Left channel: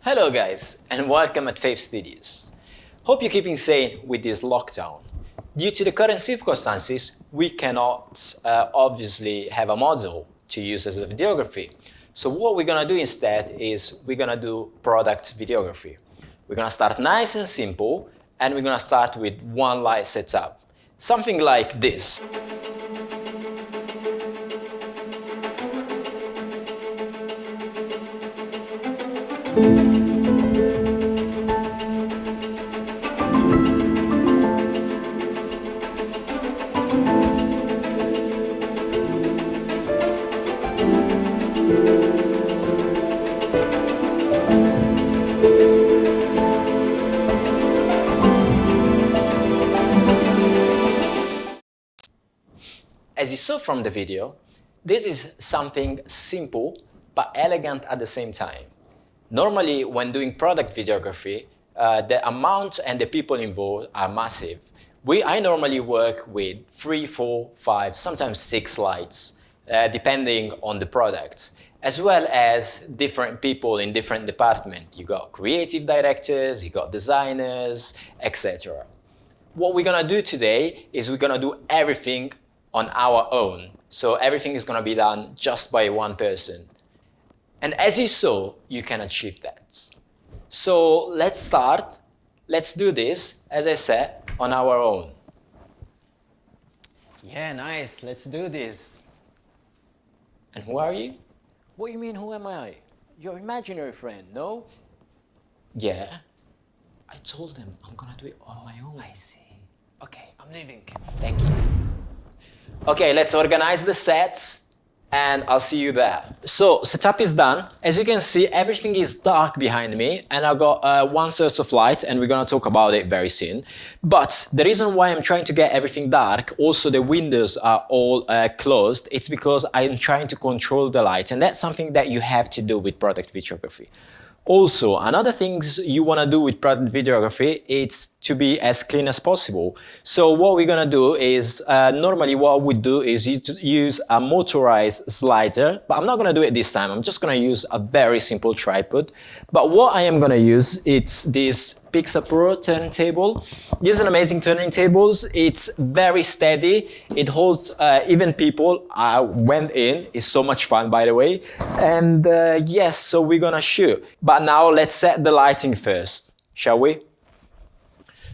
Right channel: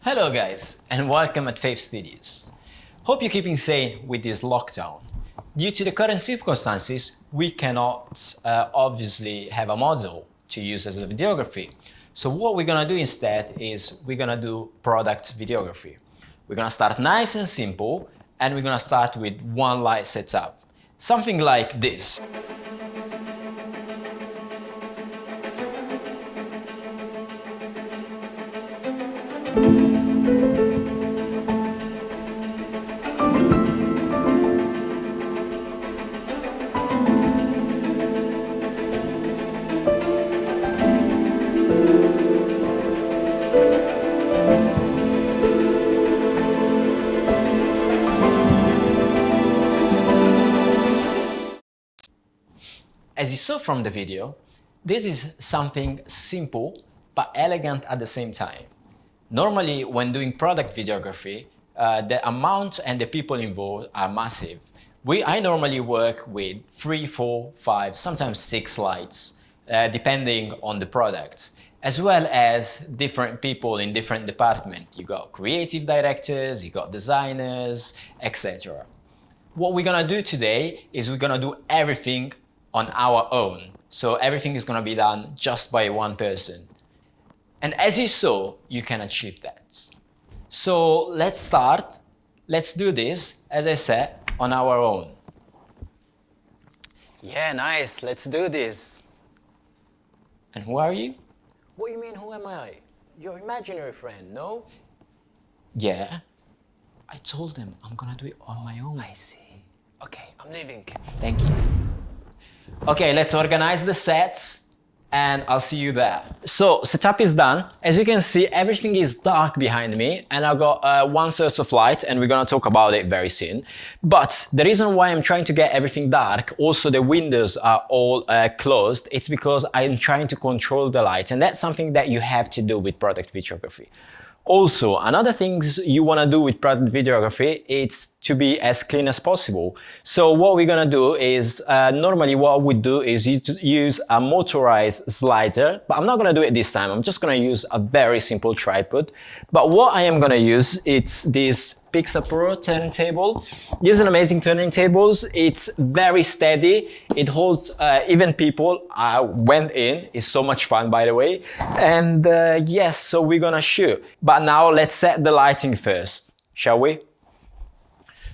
Hello guys, and welcome at FAV Studios. Hope you're keeping sane with this lockdown. Due to the current circumstances, we cannot obviously have a model to use as a videography. So what we're gonna do instead is we're gonna do product videography. We're gonna start nice and simple, and we're gonna start with one light setup. Something like this. As you saw from the video, this is something simple but elegant at the same time. Normally, when doing product videography, the amount and the people involved are massive. I normally work with 3, 4, 5, sometimes 6 lights, depending on the product, as well as different people in different departments. You got creative directors, you got designers, etc. What we're gonna do today is we're gonna do everything on our own. So everything is gonna be done just by one person. And as you saw, you can achieve that. So let's start. Let's do this, as I said, on our own. Yeah, nice. Let's do this. And who are you? What do you mean, who am I? Your imaginary friend, no? Yeah. I told them I'm gonna do it on my own. I see. Okay, I'm leaving. Thank you. Okay, let's organize the sets and I'll see you there. So setup is done. As you can see, everything is dark behind me and I've got one source of light and we're gonna talk about it very soon. But the reason why I'm trying to get everything dark, also the windows are all closed, it's because I'm trying to control the light, and that's something that you have to do with product videography. Also, another thing you want to do with product videography is to be as clean as possible. So what we're going to do is, normally what I would do is use a motorized slider, but I'm not going to do it this time. I'm just going to use a very simple tripod. But what I am going to use is this Pixapro turntable. This is an amazing turning table. It's very steady. It holds even people. I went in. It's so much fun, by the way. And yes, so we're gonna shoot. But now let's set the lighting first, shall we?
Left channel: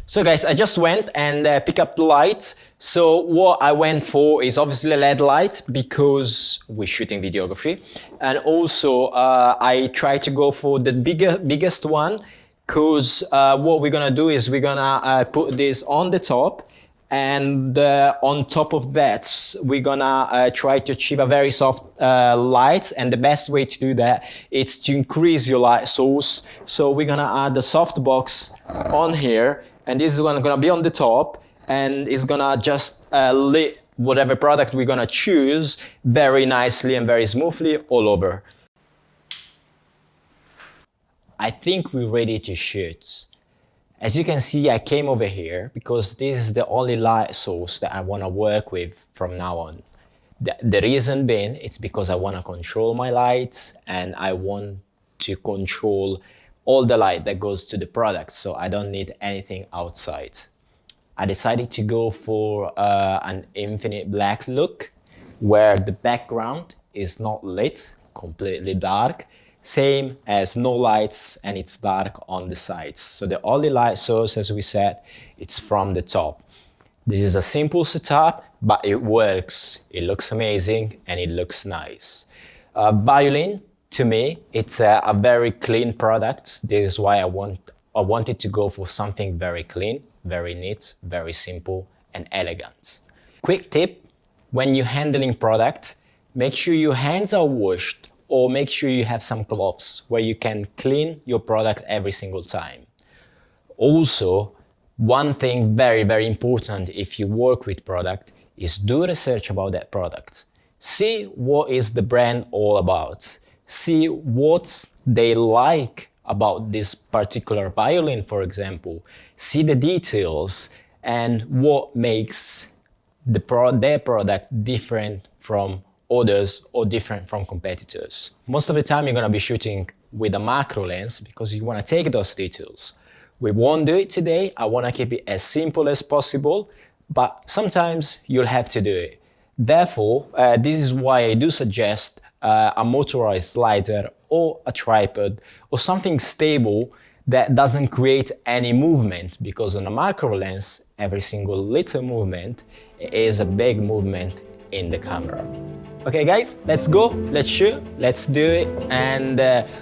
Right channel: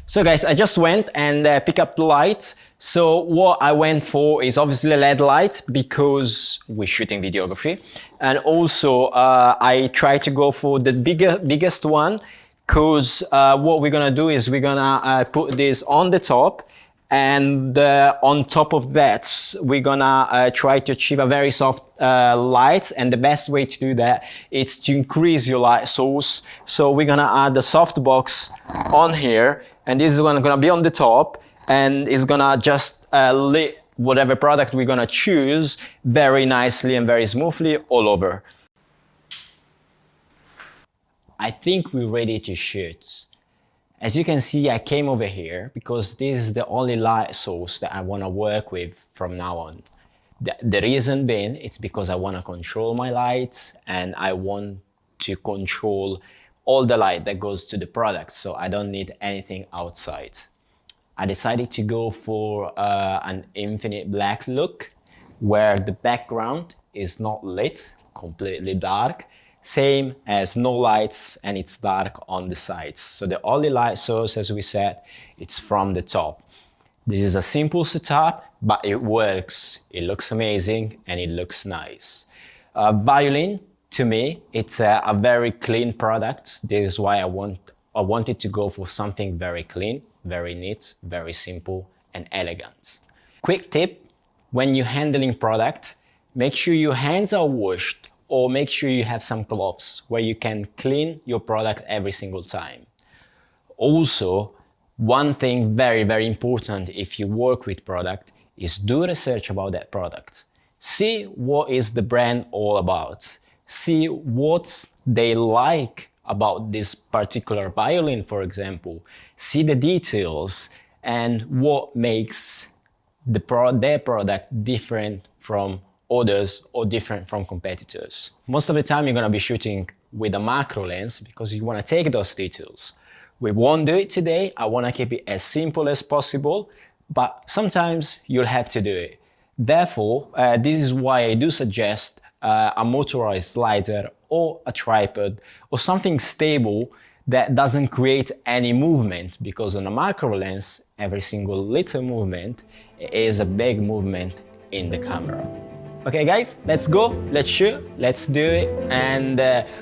So guys, I just went and picked up the light. So what I went for is obviously a LED light because we're shooting videography. And also I try to go for the biggest one, because what we're gonna do is we're gonna put this on the top, and on top of that we're gonna try to achieve a very soft light, and the best way to do that is to increase your light source. So we're gonna add the softbox on here, and this is gonna be on the top, and it's gonna just lit whatever product we're gonna choose very nicely and very smoothly all over. I think we're ready to shoot. As you can see, I came over here because this is the only light source that I want to work with from now on. The reason being, it's because I want to control my lights and I want to control all the light that goes to the product, so I don't need anything outside. I decided to go for an infinite black look, where the background is not lit, completely dark, same as no lights, and it's dark on the sides. So the only light source, as we said, it's from the top. This is a simple setup, but it works. It looks amazing and it looks nice. Violin, to me, it's a very clean product. This is why I wanted to go for something very clean, very neat, very simple and elegant. Quick tip, when you're handling product, make sure your hands are washed, or make sure you have some gloves where you can clean your product every single time. Also, one thing very important if you work with product is do research about that product. See what is the brand all about. See what they like about this particular violin, for example. See the details and what makes their product different from others or different from competitors. Most of the time you're going to be shooting with a macro lens because you want to take those details. We won't do it today. I want to keep it as simple as possible, but sometimes you'll have to do it. Therefore, this is why I do suggest a motorized slider or a tripod or something stable that doesn't create any movement, because on a macro lens, every single little movement is a big movement in the camera. Okay guys, let's go, let's shoot, let's do it, and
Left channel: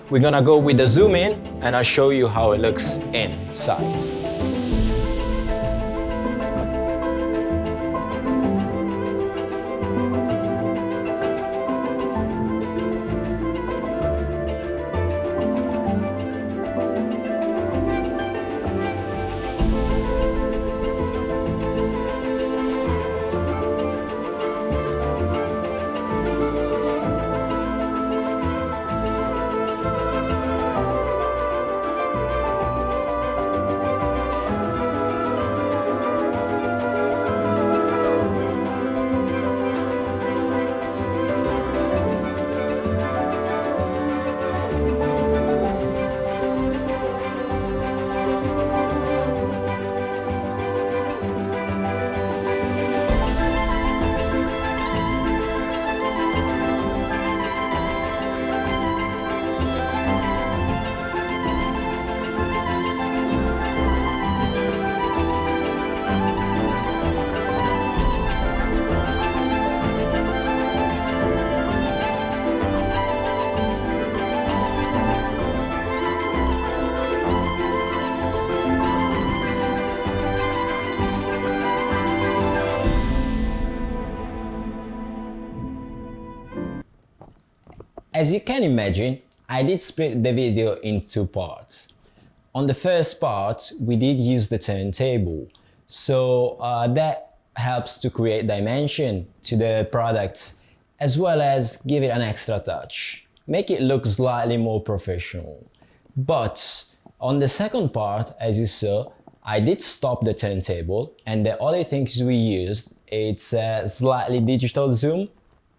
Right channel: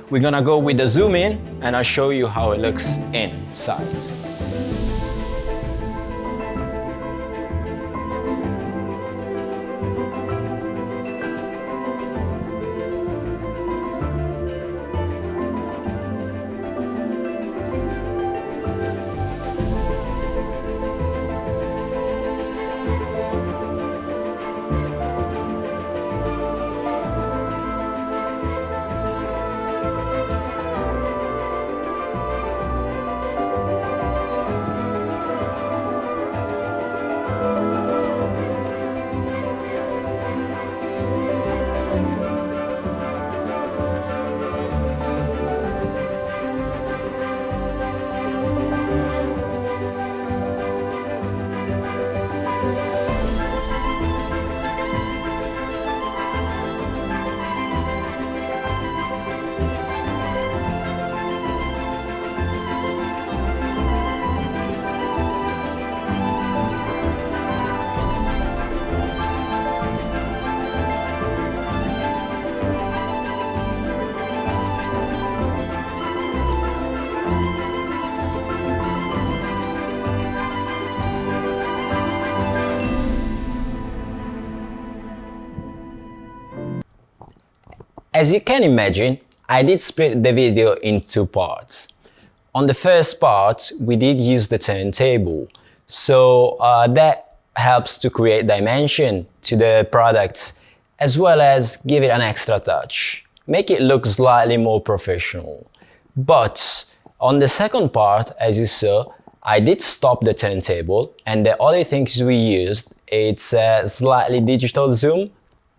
we're gonna go with the zoom in and I'll show you how it looks inside. As you can imagine, I did split the video in two parts. On the first part, we did use the turntable, so that helps to create dimension to the products as well as give it an extra touch, make it look slightly more professional. But on the second part, as you saw, I did stop the turntable, and the only things we used, it's a slightly digital zoom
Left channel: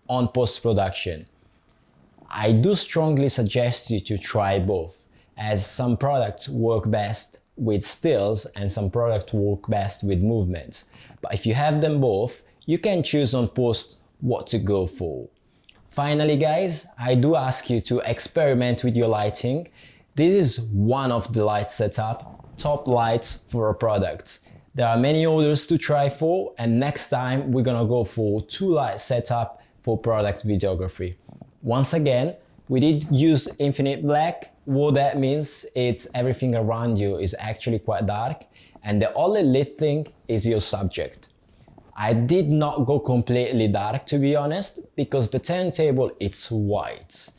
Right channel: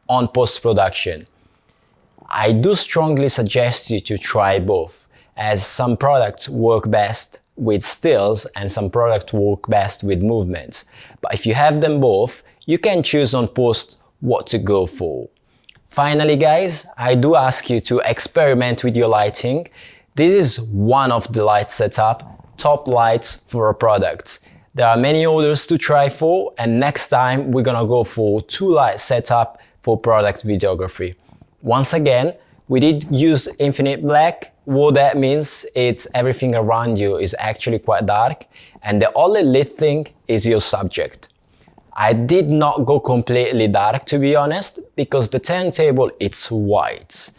on post-production. I do strongly suggest you to try both, as some products work best with stills and some products work best with movements. But if you have them both, you can choose on post what to go for. Finally guys, I do ask you to experiment with your lighting. This is one of the light setup, top lights for a product. There are many others to try for, and next time we're gonna go for 2 light setup for product videography. Once again, we did use infinite black. What that means, it's everything around you is actually quite dark, and the only lit thing is your subject. I did not go completely dark, to be honest, because the turntable, it's white.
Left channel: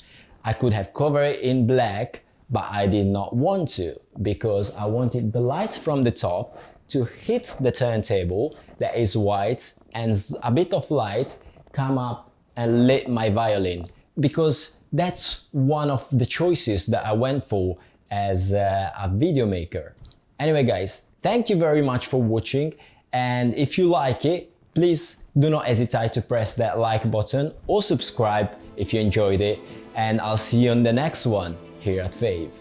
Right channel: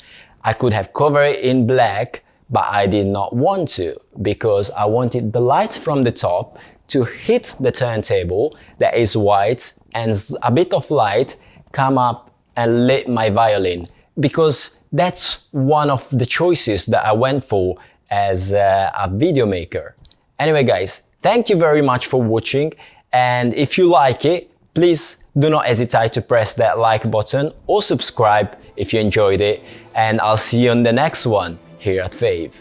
I could have covered it in black, but I did not want to, because I wanted the light from the top to hit the turntable that is white, and a bit of light come up and lit my violin, because that's one of the choices that I went for as a video maker. Anyway guys, thank you very much for watching, and if you like it, please do not hesitate to press that like button or subscribe if you enjoyed it, and I'll see you on the next one here at FAV.